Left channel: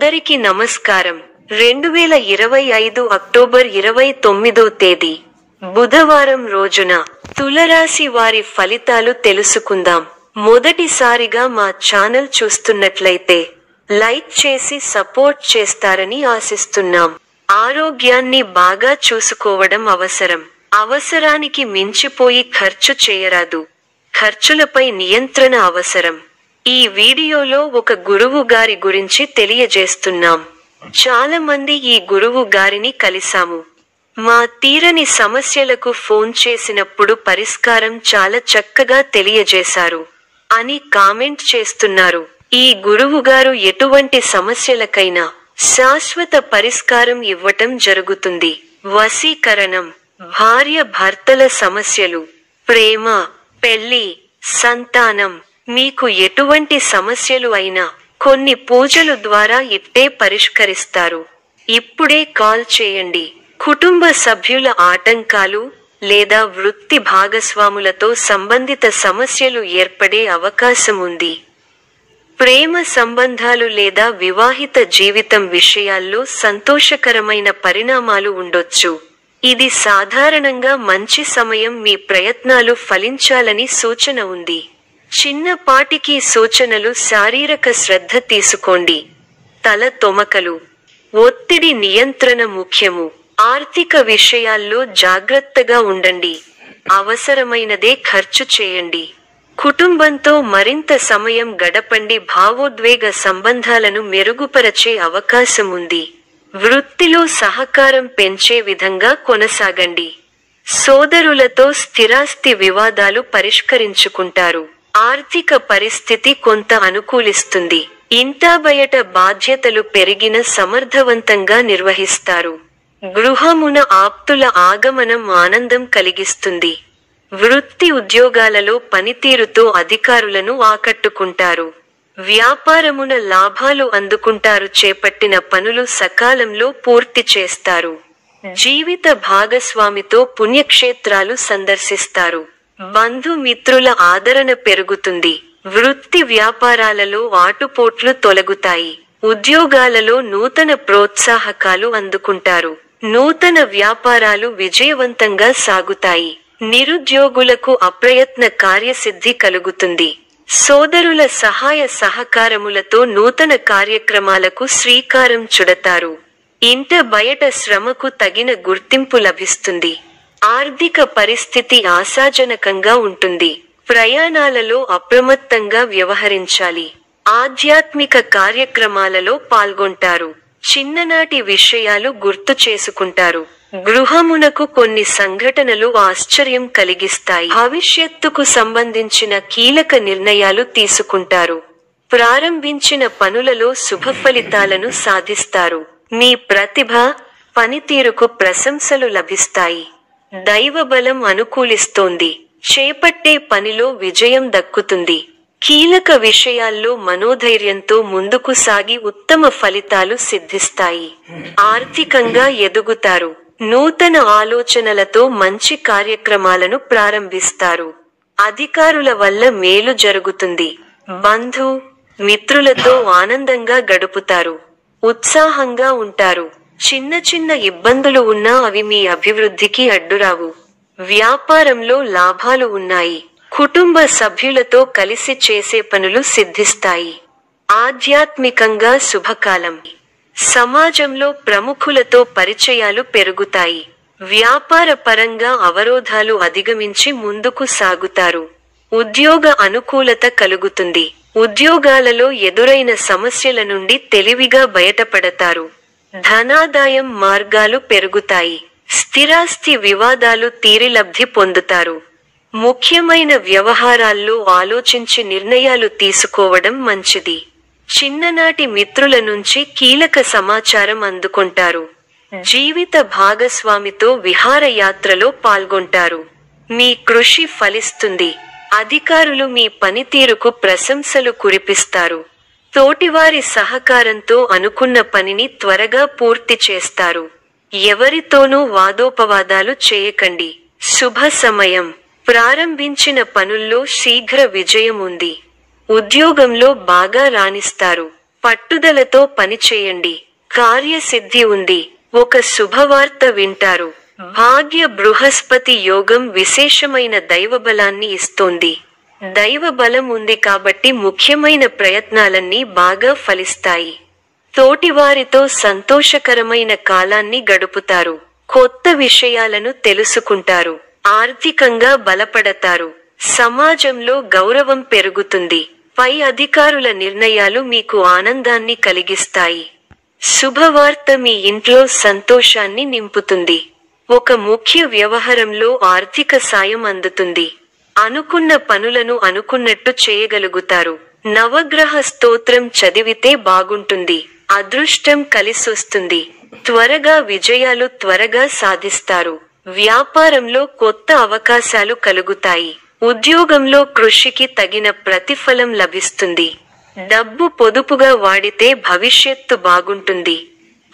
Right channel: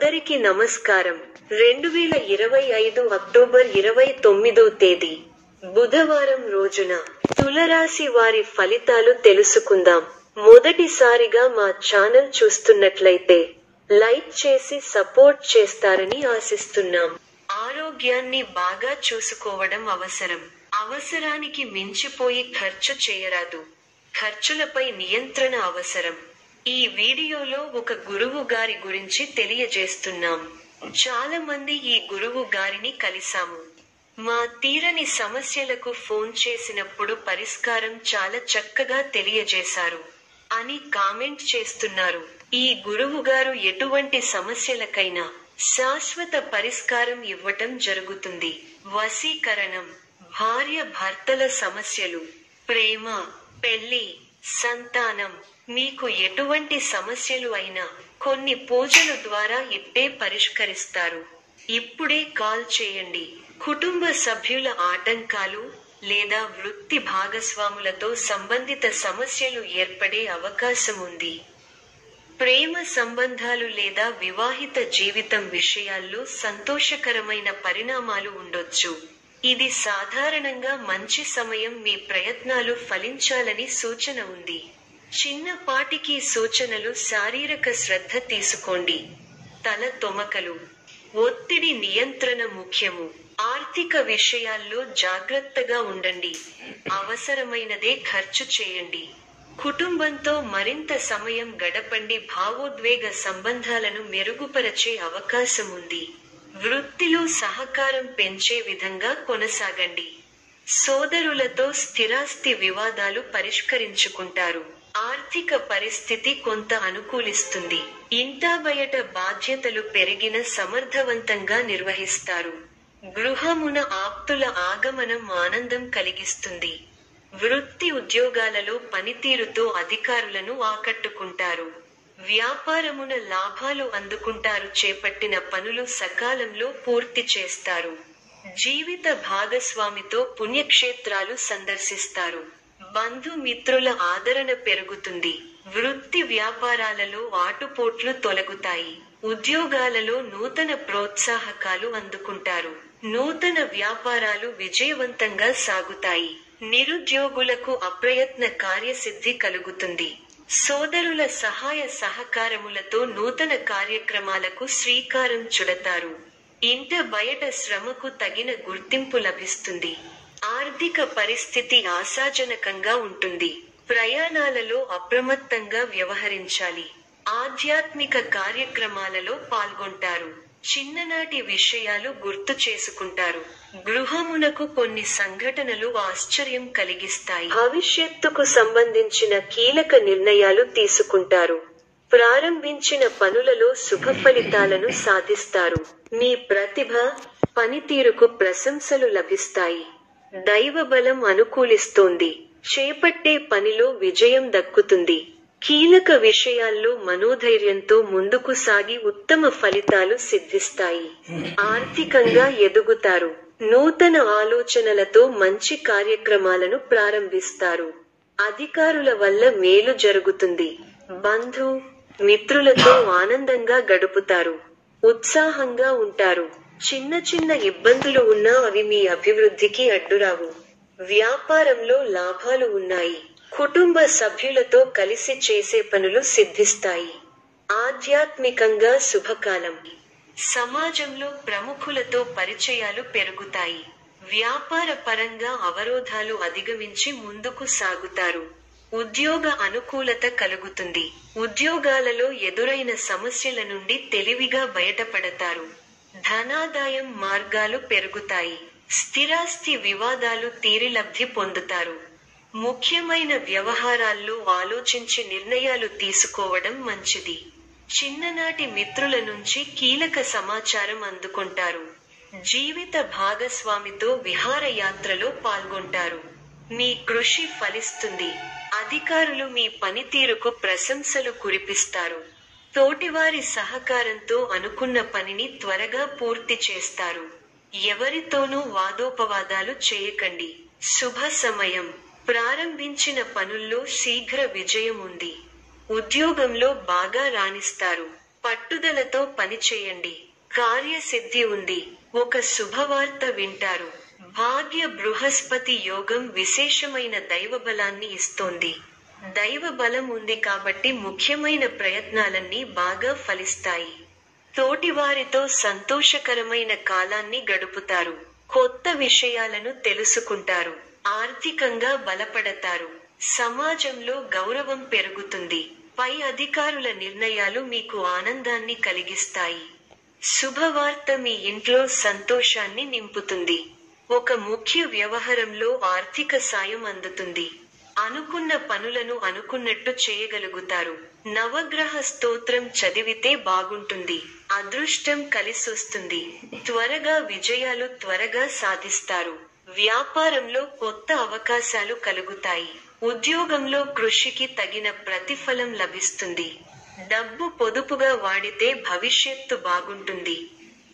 అందరికీ నమస్కారం. 2025 అక్టోబర్ 29వ తేదీ బుధవారం రోజున తులరాశి వారి ఫలితాలు తెలుసుకుందాం. మొదటిసారిగా మా ఛానల్ చూస్తున్నట్లయితే లైక్ చేసి సపోర్ట్ చేస్తారని ఆశిస్తున్నాం. ఆరోగ్యాన్ని బాగా చూసుకోవడం అవసరం. అవసరానికి మించిపోయి ఖర్చు చేయరాదు. ఖర్చులపై నియంత్రణ అవసరం. ఈ వీడియోలో ఒక గురువు గారి గురించి తెలియజేస్తున్నాం. చాలా మంది ఈ గురువు గారిని కలిసాము. మా తీరని సమస్యలకు ఫోన్ చేసినప్పుడు పరిష్కారం చాలా చక్కగా తెలియజేశారు అని కామెంట్ చేస్తున్నారు. ఈ గురువు గారు ఎటువంటి సమస్యలకైనా శాశ్వత పరిష్కారం ఇవ్వటం జరుగుతుంది. వశీకరణం, భార్య భర్తల సమస్యలు, ప్రేమ, పెళ్లి, సంతానం, మీకు ఎటువంటి సమస్యలు అయినా కొన్ని పూజలు ద్వారా ఇట్టే పరిష్కరిస్తారు. ఇప్పుడే కాల్ చేయండి. కుటుంబ సభ్యుల ఆటంకాలు లేదా వృత్తి భాగస్వాములతో సంబంధిత సమస్యలు ఏర్పడే అవకాశం ఉంది. ప్రేమ సంబంధాలు లేదా వివాహిత జీవితం విషయాల్లో సంతోషకరమైన పరిణామాలు ఉండొచ్చు. ఇది సాధారణంగా మంచి సమయం. మీ ప్రయత్నాలు ఫలించాలని సూచన ఉంది. చిన్నపాటికి సూచనలు: శారీరక శ్రద్ధ తీసుకోండి. తల తొమకలు, ఒత్తిడి నియంత్రణ ముఖ్యము. ఆర్థిక విషయాల్లో జాగ్రత్తగా ఉండండి. అవసరమైనదే ఖర్చు చేయండి. కుటుంబంతో మరింత సమయం గడపండి. భావోద్వేగ సంబంధాలను మెరుగుపరచే అవకాశం ఉంది. వృత్తిలో సహకారం పెంచే విధంగా కొనసాగండి. సోదరులతో స్థిరాస్తి వివాదాలు పరిష్కరించుకుంటారు. ఆర్థిక పరిస్థితి కొంత అనుకూలిస్తుంది. ఇంటా బయట బాధ్యతలు పెరిగిన సమర్థవంతంగా నిర్వహిస్తారు. గృహమున ఆప్తుల ఆగమనం ఆనందం కలిగిస్తుంది. వృత్తి ఉద్యోగాలలో పనితీరుతో అధికారులను ఆకట్టుకుంటారు. వ్యాపారమున లాభాలు అందుకుంటారు. చేపట్టిన పనులు సకాలంలో పూర్తి చేస్తారు. జీవిత భాగస్వామితో పుణ్యక్షేత్రాలు సందర్శిస్తారు. బంధుమిత్రుల ఆదరణ పెరుగుతుంది. వృత్తి వ్యాపారాలలో ఆటుపోట్లు తొలగుతాయి. ఉద్యోగాలలో నూతన ప్రోత్సాహకాలు అందుకుంటారు. నూతన వ్యాపారాలు విజయవంతంగా సాగుతాయి. నిరుద్యోగులకు అప్రయత్న కార్యసిద్ధి కలుగుతుంది. సోదరుల సహాయ సహకారములతో నూతన కార్యక్రమాలకు శ్రీకారం చుడతారు. ఇంట బయట శ్రమకు తగిన గుర్తింపు లభిస్తుంది. ఆర్థిక పరిస్థితి ఆశాజనకంగా ఉంటుంది. ప్రయాణాలలో అప్రమత్తంగా వ్యవహరించాలి. ఆధ్యాత్మిక కార్యక్రమాలలో పాల్గొంటారు. చిన్ననాటి విషయాలు గుర్తు చేసుకుంటారు. గృహమునకు కొన్ని సంఘటనలు ఆశ్చర్యం కలిగిస్తాయి. భవిష్యత్తుకు సంబంధించిన కీలక నిర్ణయాలు తీసుకుంటారు. ప్రారంభించిన పనులలో శుభ ఫలితాలను సాధిస్తారు. మీ ప్రతిభ, పనితీరుకు ప్రశంసలు లభిస్తాయి. దైవబలం అనుకూలిస్తోంది. చేపట్టే పనిలో విజయం దక్కుతుంది. కీలక విషయాల్లో మనోధైర్యంతో ముందుకు సాగి ఉత్తమ ఫలితాలు సిద్ధిస్తాయి. ఆర్థికంగా ఎదుగుతారు. నూతన ఆలోచనలతో మంచి కార్యక్రమాలను ప్రారంభిస్తారు. అధికారుల వల్ల మేలు జరుగుతుంది. బంధు మిత్రులతో ఆనందంగా గడుపుతారు. ఉత్సాహంగా ఉంటారు. చిన్న చిన్న ఇబ్బందులు ఉన్నా అవి మీ అభివృద్ధికి అడ్డురావు. వ్యాపారంలో లాభాలు ఉన్నాయి. కుటుంబ సభ్యులతో కలిసి చేసే పనులు సిద్ధిస్తాయి. ఆధ్యాత్మికంగా శుభకాలం. సమాజంలో ప్రముఖులతో పరిచయాలు పెరుగుతాయి. వ్యాపార పరంగా అవరోధాలు అధిగమించి ముందుకు సాగుతారు. ఉద్యోగ అనుకూలత కలుగుతుంది. ఉద్యోగాలలో ఎదురైన సమస్యల నుండి తెలివిగా బయటపడతారు. ధనాదాయం మార్గాలు పెరుగుతాయి. స్థిరాస్తి వివాదాలు తీరి లబ్ధి పొందుతారు. ముఖ్యమైన వ్యవహారాల్లో ఆలోచించి నిర్ణయాలు తీసుకోవడం మంచిది. చిన్ననాటి మిత్రుల నుంచి కీలక సమాచారం అందుకుంటారు. జీవిత భాగస్వామితో విహారయాత్రలో పాల్గొంటారు. మీ కృషి ఫలిస్తుంది. అధికారులు మీ పనితీరుకు ప్రశంసలు కురిపిస్తారు. తోటివారి సహకారంతో అనుకున్న పనిని త్వరగా పూర్తి చేస్తారు. ఎవరితోనూ వాదోపవాదాలు చేయకండి. శుభ సమయం. ప్రారంభించిన పనుల్లో శీఘ్ర విజయం ఉంది. ఉద్యోగంలో బాగా రాణిస్తారు. పట్టుదలతో పనిచేయండి. కార్యసిద్ధి ఉంది. ఒక శుభవార్త వింటారు. భాగ్య బృహస్పతి యోగం విశేషమైన దైవబలాన్ని ఇస్తోంది. దైవబలం ఉంది కాబట్టి ముఖ్యమైన ప్రయత్నాలన్నీ బాగా ఫలిస్తాయి. తోటివారితో సంతోషకరమైన కాలాన్ని గడుపుతారు. కొత్త విషయాలను తెలుసుకుంటారు. ఆర్థికంగా బలపడతారు. సమాజంలో గౌరవం పెరుగుతుంది. పై అధికారుల నిర్ణయాలు మీకు ఆనందాన్ని కలిగిస్తాయి. శుభవార్త మీ ఇంట్లో సంతోషాన్ని నింపుతుంది. ఒక ముఖ్య వ్యవహారంలో ఆర్థిక సాయం అందుతుంది. అనుకున్న పనులను అనుకున్నట్టు చేయగలుగుతారు. నవగ్రహ స్తోత్రం చదివితే బాగుంటుంది. అదృష్టం కలిసొస్తుంది. త్వరగా విజయాలు త్వరగా సాధిస్తారు. వ్యాపారంలో కొత్త అవకాశాలు కలుగుతాయి. ఉద్యోగంలో కృషికి తగిన ప్రతిఫలం లభిస్తుంది. డబ్బు పొదుపుగా వాడితే భవిష్యత్తు బాగుంటుంది.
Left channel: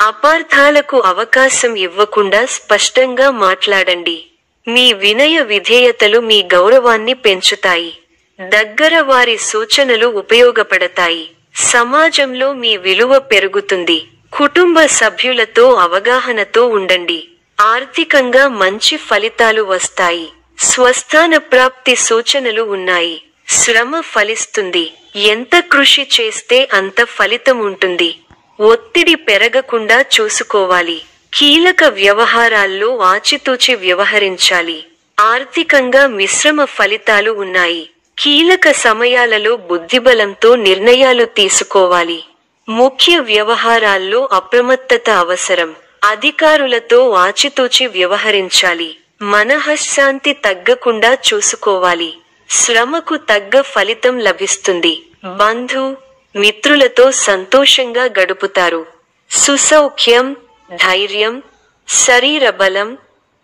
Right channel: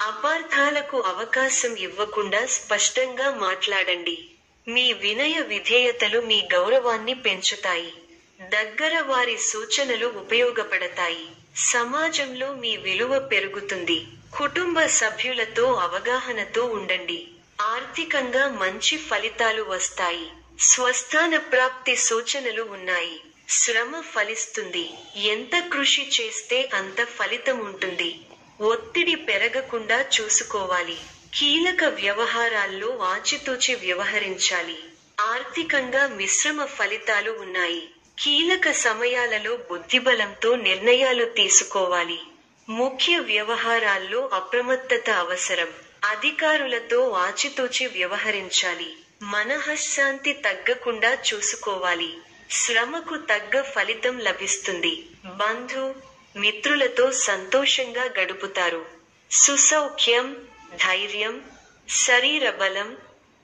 అపార్థాలకు అవకాశం ఇవ్వకుండా స్పష్టంగా మాట్లాడండి. మీ వినయ విధేయతలు మీ గౌరవాన్ని పెంచుతాయి. దగ్గర వారి సూచనలు ఉపయోగపడతాయి. సమాజంలో మీ విలువ పెరుగుతుంది. కుటుంబ సభ్యులతో అవగాహనతో ఉండండి. ఆర్థికంగా మంచి ఫలితాలు వస్తాయి. స్వస్థాన ప్రాప్తి సూచనలు ఉన్నాయి. శ్రమ ఫలిస్తుంది. ఎంత కృషి చేస్తే అంత ఫలితం ఉంటుంది. ఒత్తిడి పెరగకుండా చూసుకోవాలి. కీలక వ్యవహారాల్లో ఆచితూచి వ్యవహరించాలి. ఆర్థికంగా మిశ్రమ ఫలితాలు ఉన్నాయి. కీలక సమయాలలో బుద్ధిబలంతో నిర్ణయాలు తీసుకోవాలి. ముఖ్య వ్యవహారాల్లో అప్రమత్తత అవసరం. అధికారులతో ఆచితూచి వ్యవహరించాలి. మనఃశాంతి తగ్గకుండా చూసుకోవాలి. శ్రమకు తగ్గ ఫలితం లభిస్తుంది. బంధు మిత్రులతో సంతోషంగా గడుపుతారు. సుసౌఖ్యం, ధైర్యం, శరీర బలం,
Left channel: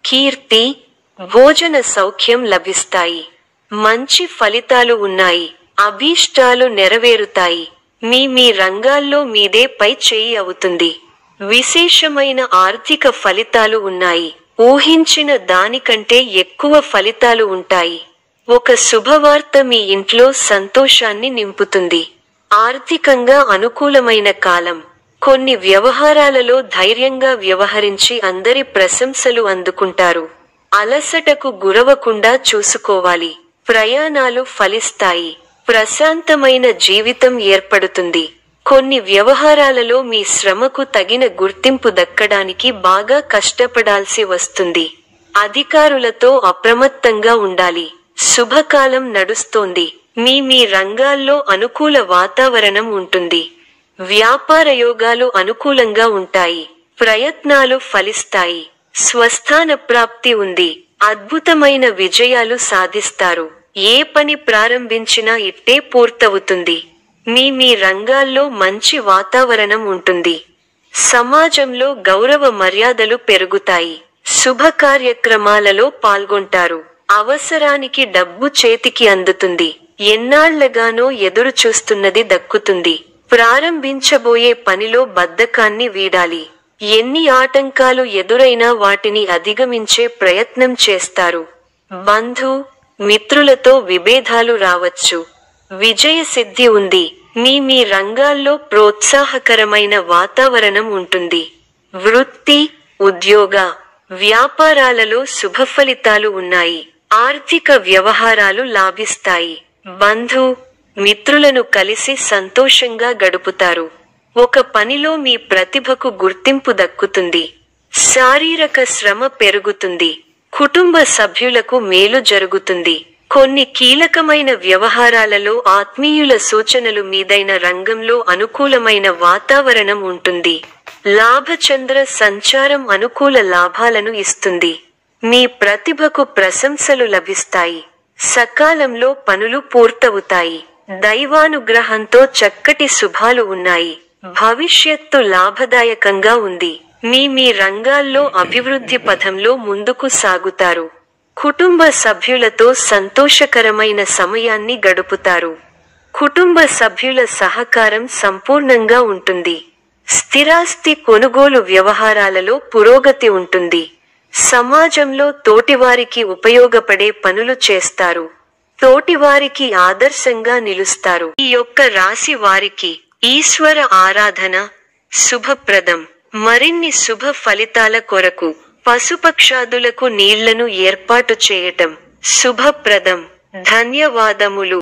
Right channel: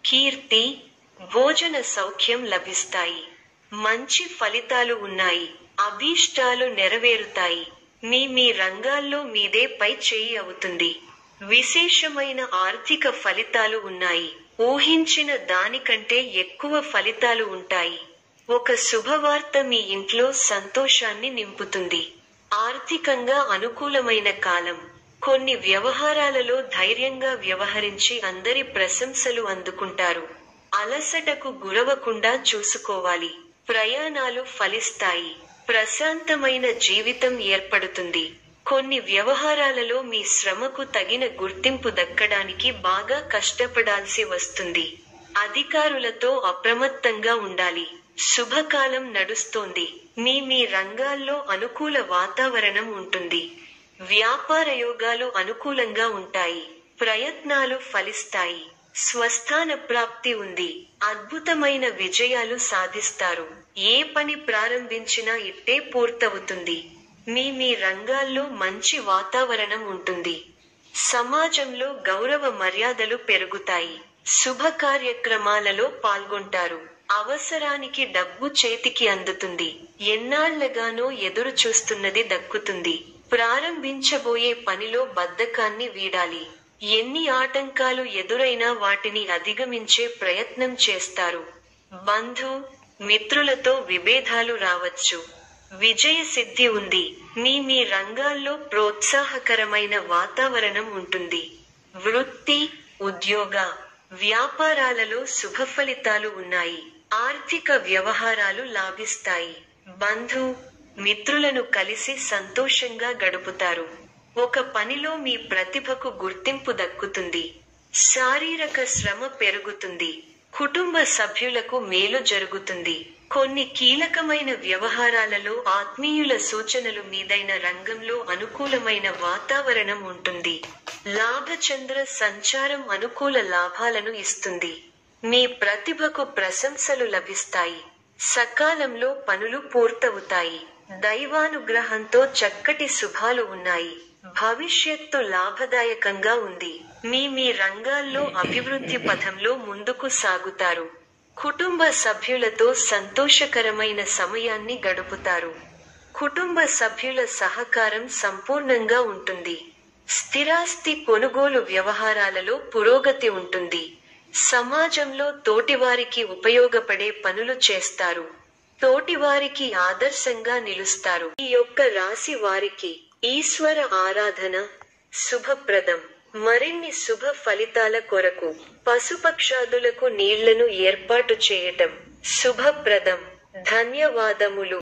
కీర్తి, భోజన సౌఖ్యం లభిస్తాయి. మంచి ఫలితాలు ఉన్నాయి. అభీష్టాలు నెరవేరుతాయి. మీ రంగాల్లో మీదే పై చేయి అవుతుంది. విశేషమైన ఆర్థిక ఫలితాలు ఉన్నాయి. ఊహించిన దానికంటే ఎక్కువ ఫలితాలు ఉంటాయి. ఒక శుభవార్త మీ ఇంట్లో సంతోషాన్ని నింపుతుంది. ఆర్థికంగా అనుకూలమైన కాలం. కొన్ని వ్యవహారాలలో ధైర్యంగా వ్యవహరించి అందరి ప్రశంసలు అందుకుంటారు. అలసటకు గురవకుండా చూసుకోవాలి. ప్రయాణాలు ఫలిస్తాయి. ప్రశాంతమైన జీవితం ఏర్పడుతుంది. కొన్ని వ్యవహారాలలో మీ శ్రమకు తగిన గుర్తింపు దక్కడానికి బాగా కష్టపడాల్సి వస్తుంది. అధికారులతో అప్రమత్తంగా ఉండాలి. శుభకాలం నడుస్తోంది. మీ రంగాల్లో అనుకూల వాతావరణం ఉంటుంది. వ్యాపార యోగాలు అనుకూలంగా ఉంటాయి. ప్రయత్నాలు ఫలిస్తాయి. స్వస్థాన ప్రాప్తి ఉంది. అద్భుతమైన విజయాలు సాధిస్తారు. ఏ పని ప్రారంభించినా ఇట్టే పూర్తవుతుంది. మీ రంగాల్లో మంచి వాతావరణం ఉంటుంది. సమాజంలో గౌరవ మర్యాదలు పెరుగుతాయి. శుభ కార్యక్రమాలలో పాల్గొంటారు. అవసరానికి డబ్బు చేతికి అందుతుంది. ఎన్నాళ్లగానో ఎదురు చూస్తున్నది దక్కుతుంది. ప్రారంభించబోయే పనిలో బద్ధకాన్ని వీడాలి. ఎన్ని ఆటంకాలు ఎదురైనా వాటిని అధిగమించే ప్రయత్నం చేస్తారు. బంధు మిత్రులతో విభేదాలు రావచ్చు. విజయ సిద్ధి ఉంది. మీ రంగాల్లో ప్రోత్సాహకరమైన వాతావరణం ఉంటుంది. వృత్తి, ఉద్యోగ, వ్యాపారాలలో శుభఫలితాలు ఉన్నాయి. ఆర్థిక వ్యవహారాలు లాభిస్తాయి. బంధు మిత్రులను కలిసి సంతోషంగా గడుపుతారు. ఒక పనిలో మీ ప్రతిభకు గుర్తింపు దక్కుతుంది. శారీరక శ్రమ పెరుగుతుంది. కుటుంబ సభ్యులకు మేలు జరుగుతుంది. కొన్ని కీలకమైన వ్యవహారాలలో ఆత్మీయుల సూచనలు మీదైన రంగంలో అనుకూలమైన వాతావరణం ఉంటుంది. లాభచంద్ర సంచారం అనుకూల లాభాలను ఇస్తుంది. మీ ప్రతిభకు ప్రశంసలు లభిస్తాయి. సకాలంలో పనులు పూర్తవుతాయి. దైవానుగ్రహంతో చక్కటి శుభాలు ఉన్నాయి. భవిష్యత్తు లాభదాయకంగా ఉంది. మీ రంగాల్లో అభివృద్ధి పథంలో ముందుకు సాగుతారు. కుటుంబ సభ్యులతో సంతోషకరమైన సమయాన్ని గడుపుతారు. కుటుంబ సభ్యుల సహకారం సంపూర్ణంగా ఉంటుంది. స్థిరాస్తి కొనుగోలు వ్యవహారాలలో పురోగతి ఉంటుంది. సమాజంలో తోటివారికి ఉపయోగపడే పనులు చేస్తారు. తోటివారికి ఆదర్శంగా నిలుస్తారు. ఈ యొక్క రాశి వారికి ఈశ్వర ఆరాధన శుభప్రదం. మరిన్ని శుభ ఫలితాల కొరకు పశుపక్షాదులకు నీళ్లను ఏర్పాటు చేయటం శుభప్రదం. ధన్యవాదములు.